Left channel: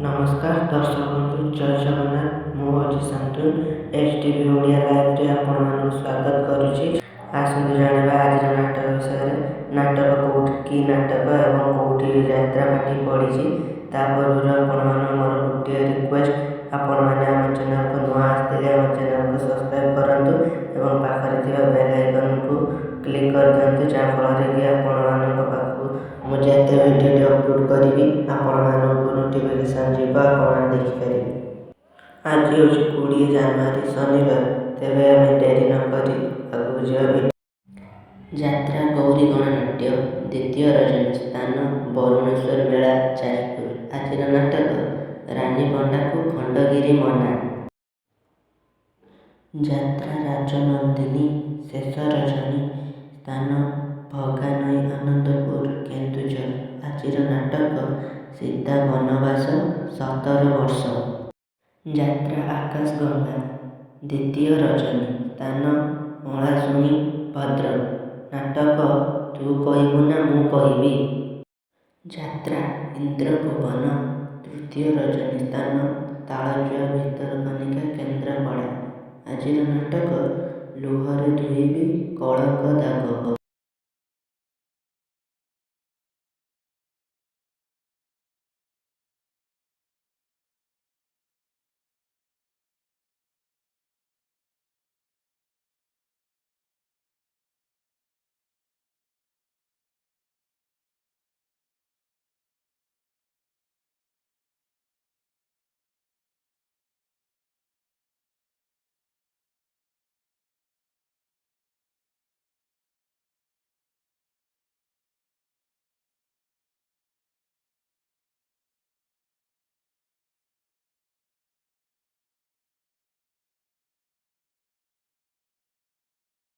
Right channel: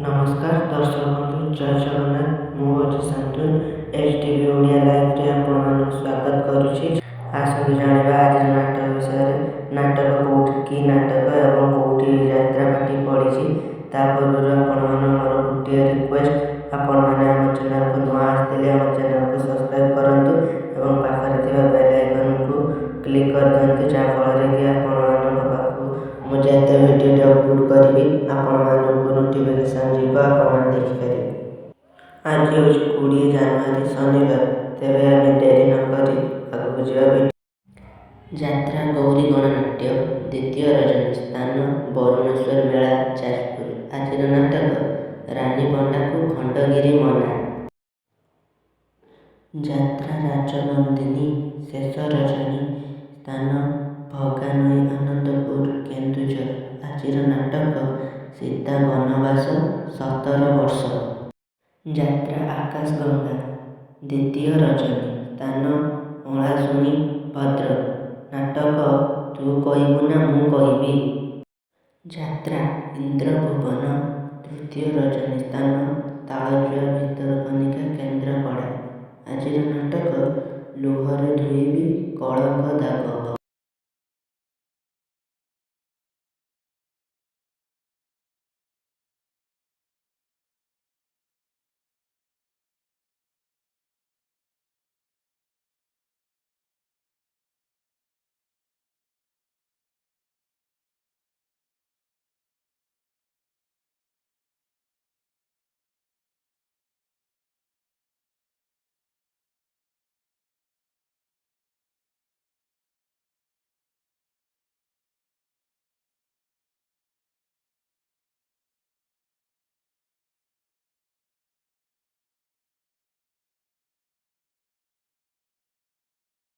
नमस्कार दर्शक बंधु जय जगन्नाथ मुझे शांतनु XTV ओडिया लाइव रे आपण मानक स्वागत करुछि। आसंतु जानिबा आज नाटक विषय नाटक कोठी की नाटक एवं कोठी यात्रा पार्टी पड़ी ता पूर्व आपण मान मोर गोटे रिक्वेस्ट आपण मैंने आम चैनल को नुआ आसते आम चैनल को सब्सक्राइब करंतु एवं पाखरे थिबा बेल आइकन को क्लिक कर दियंतु जहाँफल कि आपण मानक पाखु मुझे एते वीडियो अपलोड करी आपण मानक नोटिफिकेशन जीव आपण देखिपारे। आज हूँ 20 जनवरी शनिवार तेरे आम डेरी नक आगे जा यात्रा गौरी गणनाट्य द्वितीय रजनी स्थान बरुणेश्वर मेला जाजपुर। आज नाटक रानी पंडा को खंडगिरी मना यात्रा राजनंदिनी शेष रजनी स्थान भगानई आनंदपुर केन्दुझर। आज नाटक सीता बनवास 17 वर्ष यात्रा आकाश गंगा द्वितीय रजनी स्थान ओलाशुणी भद्रक। नाटक तू कहबू ना मु कहबी यात्रा इंद्रभुवन तृतीय रजनी स्थान तालचुआ भितरकनिका केन्द्रापड़ा। आज नाटक लुहरे धुईबी कलंक दागक।